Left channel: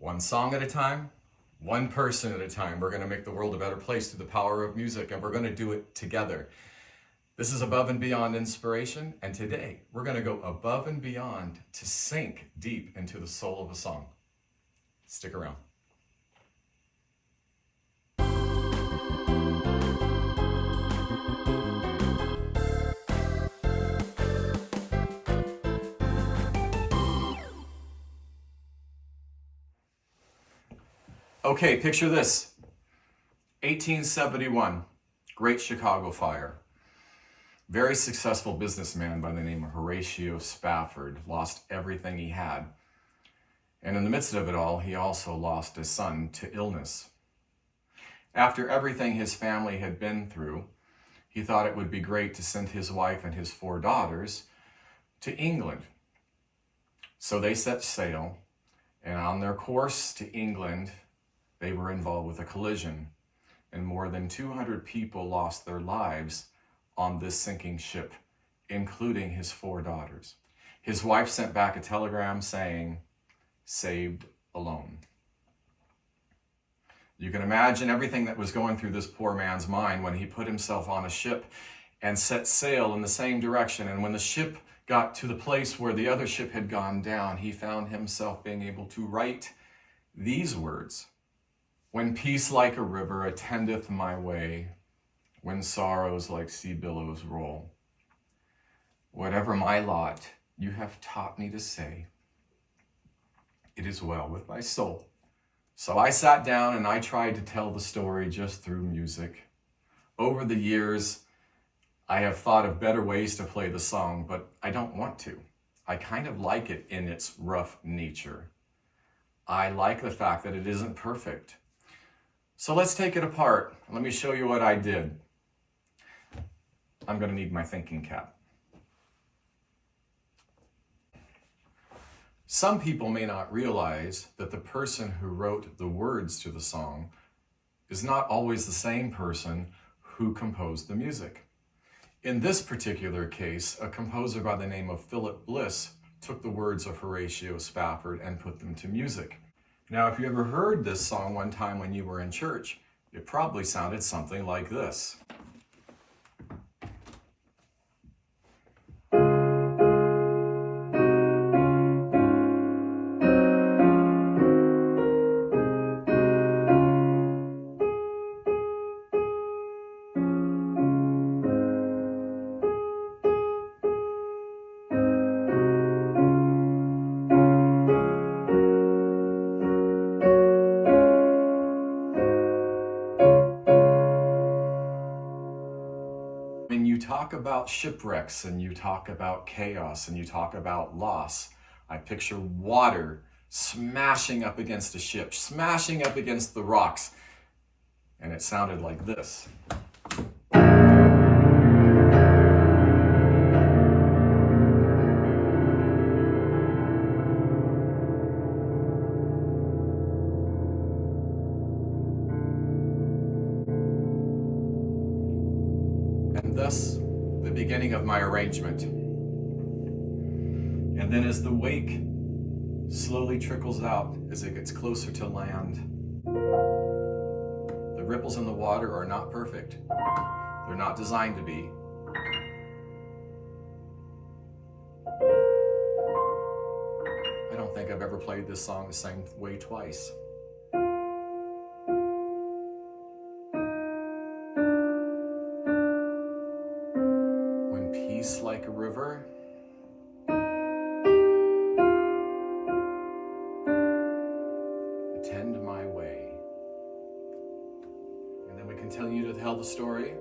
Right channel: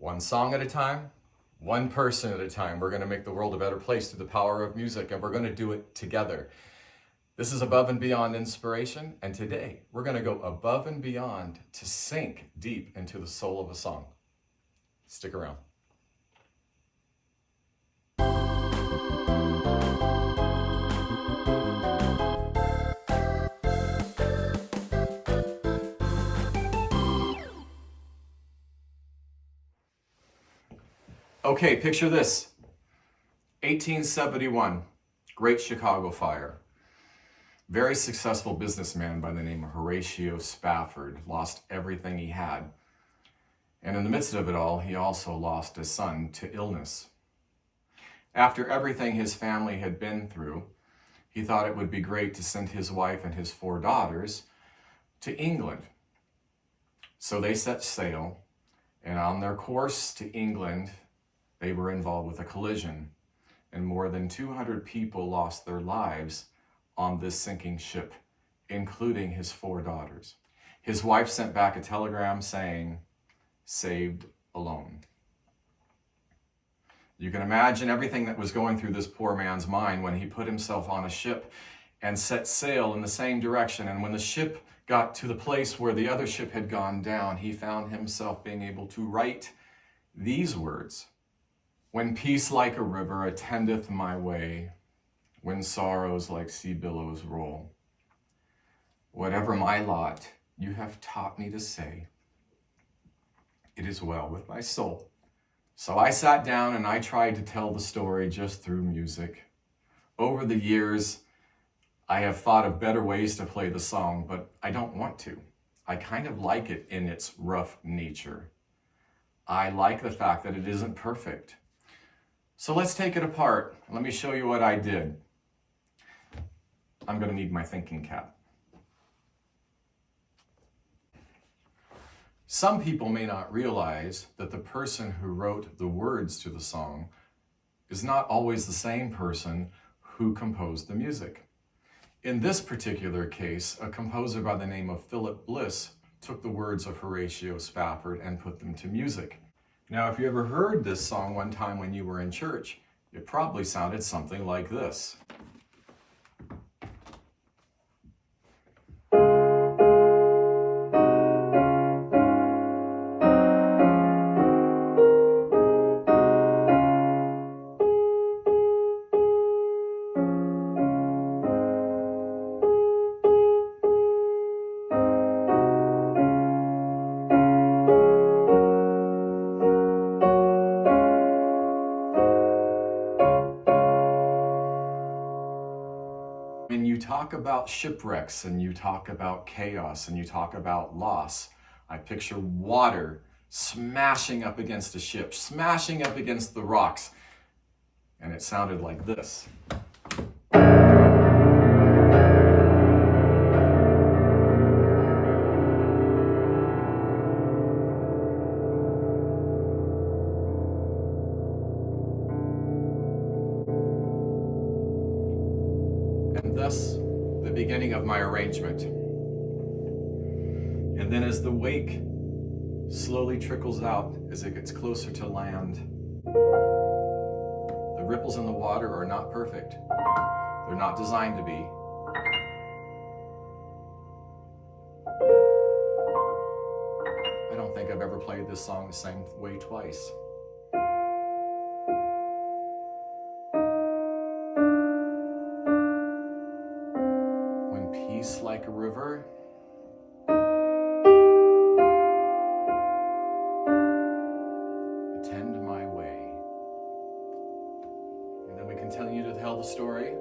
One song at a time, one person at a time. We're going to make the world a better place through the power of music, and we're going to do it together. This is Above and Beyond Inspiration, and today we're going to go above and beyond to sink deep into the soul of a song. Stick around. Okay, picture this. 1871, Great Chicago Fire. Very successful businessman by the name of Horatio Spafford lost everything he had. And in the midst of it all, he also lost a son to illness. After everything his family had been through, he thought it would be great to send his wife and his 4 daughters to England. So they set sail, and on their course to England, they were involved with a collision, and more than 200 people lost their lives on this sinking ship, including his 4 daughters. His wife sent back a telegram saying, "Saved alone." You can imagine everything that was going through this poor man's mind when he put himself on a ship and set sail in the same direction. And when the ship got to the place where the other ship had gone down, he found himself being able to write these words: "When peace like a river attendeth my way, when sorrows like sea billows roll, whatever my lot, you have taught me to say, it is well with my soul." So I sat down and I tried to tell the story just through music. Over the years, I have thought of better ways to play the song, but I don't want to. I kind of like it in its rough nature. I like the fact that it isn't perfect. So let's take it apart. Let me show you what I did. I'm going to need my thinking cap. Some people may not realize that the person who wrote the words to the song is not always the same person who composed the music. In this particular case, a composer by the name of Philip Bliss took the words of Horatio Spafford and put them to music. Now, if you ever heard this song one time when you were in church, it probably sounded something like this. When you talk about shipwrecks and you talk about chaos and you talk about loss, I picture water smashing up against a ship, smashing up against the rocks, and it sounded like this. And thus, the beginning of my arrangement. And then as the wake slowly trickles out, as it gets closer to land, the ripples in the water are not perfect. They're not designed to be. I don't think I've ever played this song the same way twice. Peace like a river, attend my way. And then we continue to tell the story.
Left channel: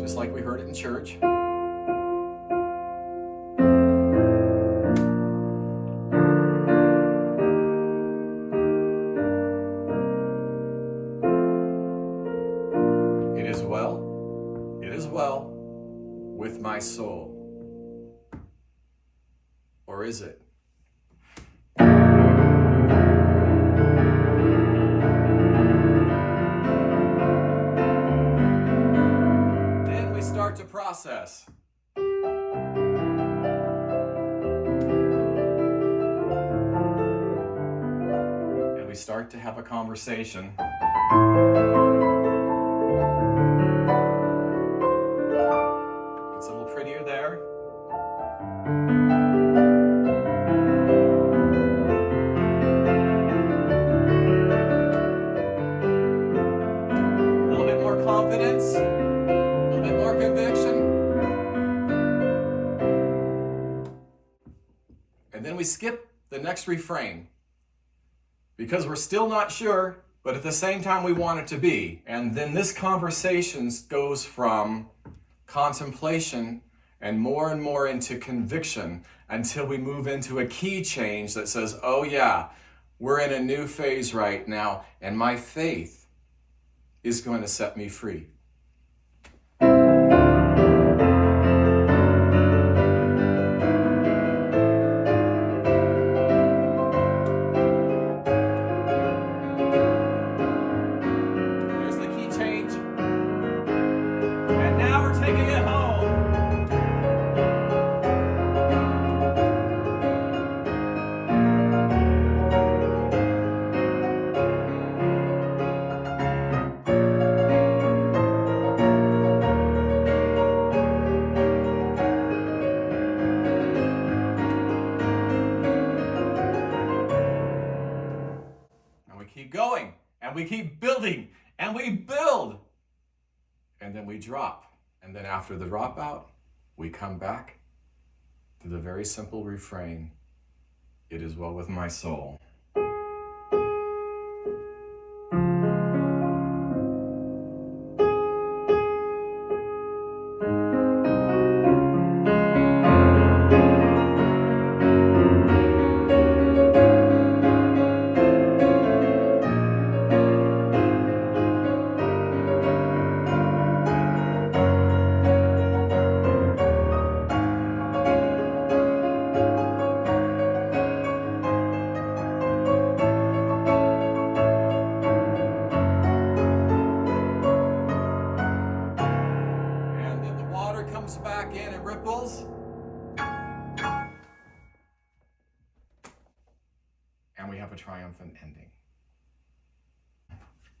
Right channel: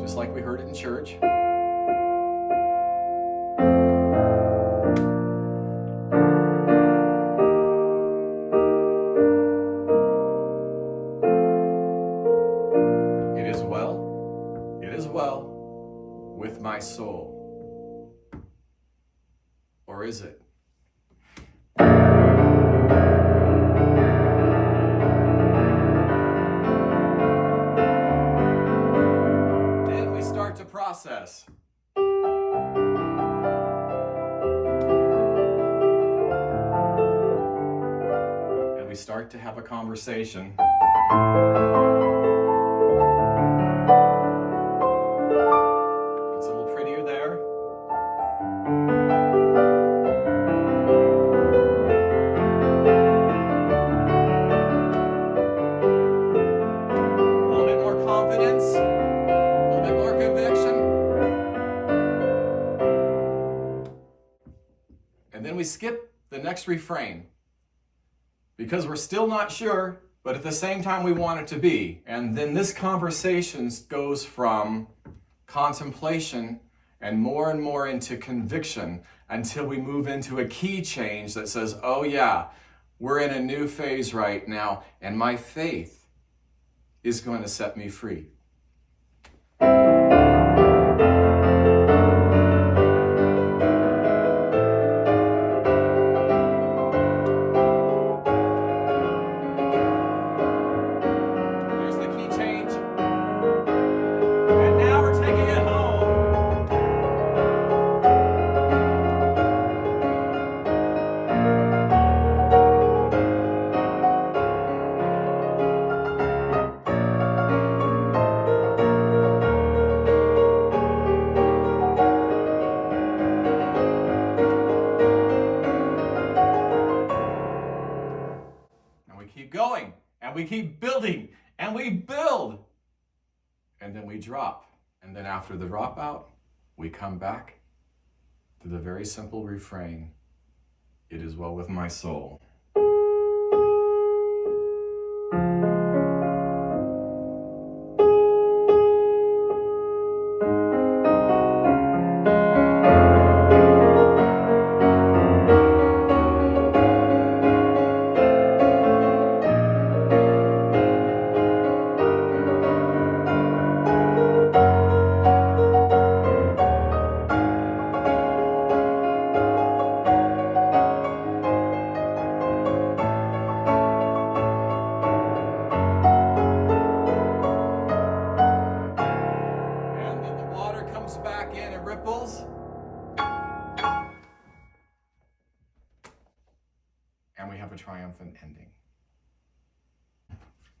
Just like we heard it in church. well, it is well with my soul. Or is it? Then we start to process. And we start to have a conversation. It's a little prettier there. A little bit more confidence, a little bit more conviction. And then we skip the next refrain because we're still not sure, but at the same time we want it to be. And then this conversation goes from contemplation and more into conviction until we move into a key change that says, oh yeah, we're in a new phase right now, and my faith is going to set me free. There's the key change. And now we're taking it home. Keep going, and we keep building, and we build, and then we drop. And then after the dropout, we come back to the very simple refrain, it is well with my soul. Back in, it ripples, and we have a triumphant ending.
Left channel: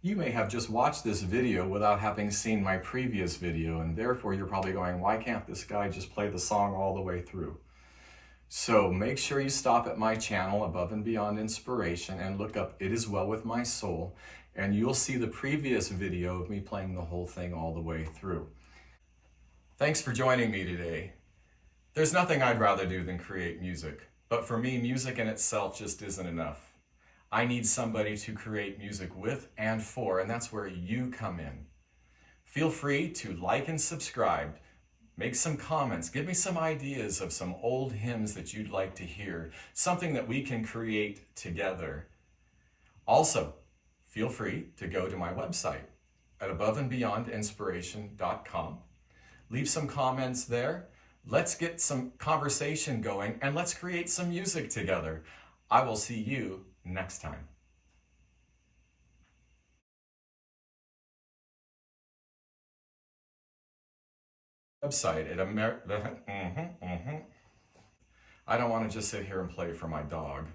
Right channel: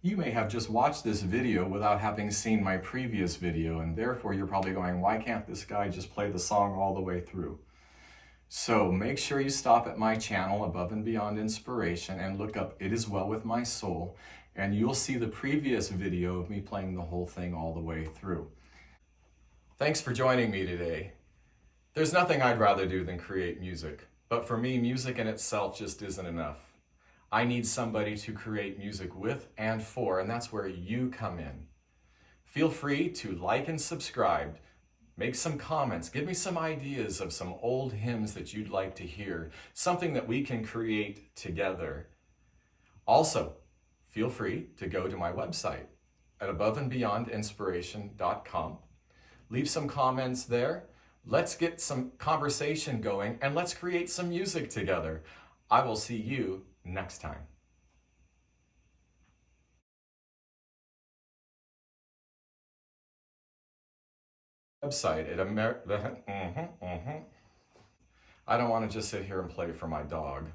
You may have just watched this video without having seen my previous video, and therefore you're probably going, why can't this guy just play the song all the way through? So make sure you stop at my channel, Above and Beyond Inspiration, and look up It Is Well With My Soul, and you'll see the previous video of me playing the whole thing all the way through. Thanks for joining me today. There's nothing I'd rather do than create music, but for me, music in itself just isn't enough. I need somebody to create music with and for, and that's where you come in. Feel free to like and subscribe, make some comments, give me some ideas of some old hymns that you'd like to hear, something that we can create together. Also, feel free to go to my website at aboveandbeyondinspiration.com. Leave some comments there. Let's get some conversation going, and let's create some music together. I will see you next time. Website at I don't want to just sit here and play for my dog.